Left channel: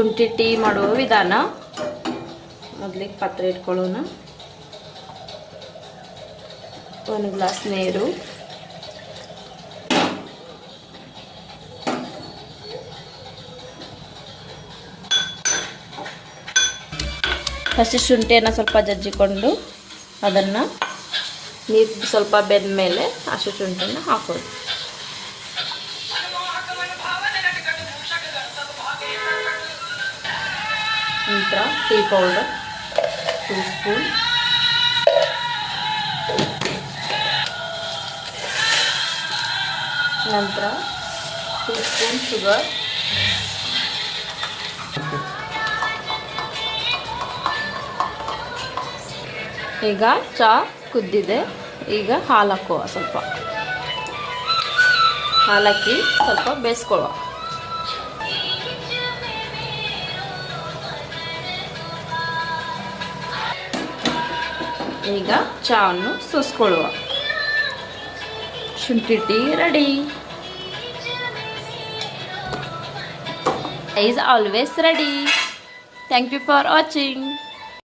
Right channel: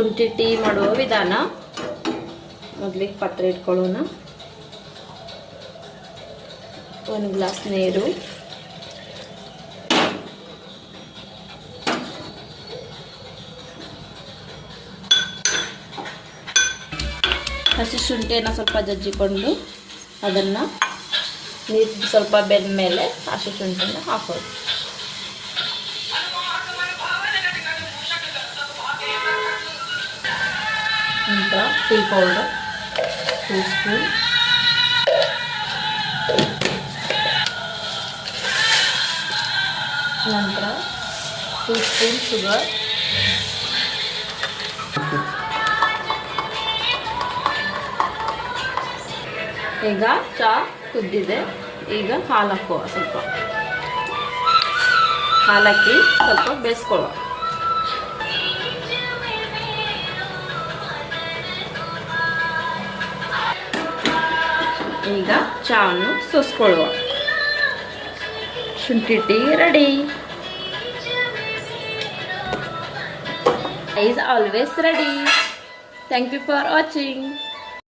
ಶುಂಠಿ ಟೀ ಮಾಡುವ ವಿಧಾನ. ಮೊದಲಿಗೆ ಪಾತ್ರೆ ಇಟ್ಕೊಳ್ಳೋಣ. 1 ಗ್ಲಾಸ್ ನೀರು, ಹಸಿ ಶುಂಠಿಯನ್ನು ಸ್ವಲ್ಪ ಜಜ್ಜಿಕೊಂಡು ಅದನ್ನು ನೀರು ಸ್ವಲ್ಪ ಬೆಂದ ಮೇಲೆ ಹಸಿ ಶುಂಠಿಯನ್ನು ಹಾಕೋದು. ನಂತರ ಟೀ ಪೌಡರ್ 2 ಸ್ಪೂನ್, ನಂತರ 2 ಸ್ಪೂನ್ ಶುಗರ್, ಈಗ ಚಹಾ ಕುದ್ದಿದೆ. ಈಗ ಹಾಲು ಹಾಕುವ. ಸ್ವಲ್ಪ ಹಾಲಾಕಿ ಸ್ವಲ್ಪ ಬೇಯಿಸ್ಕೊಳ್ಳುವ. ಈಗ ಚಹಾವನ್ನು ಸೋಸ್ಕೊಳ್ಳುವ. ಶುಂಠಿ tea ready. is always ready. Thank you for watching.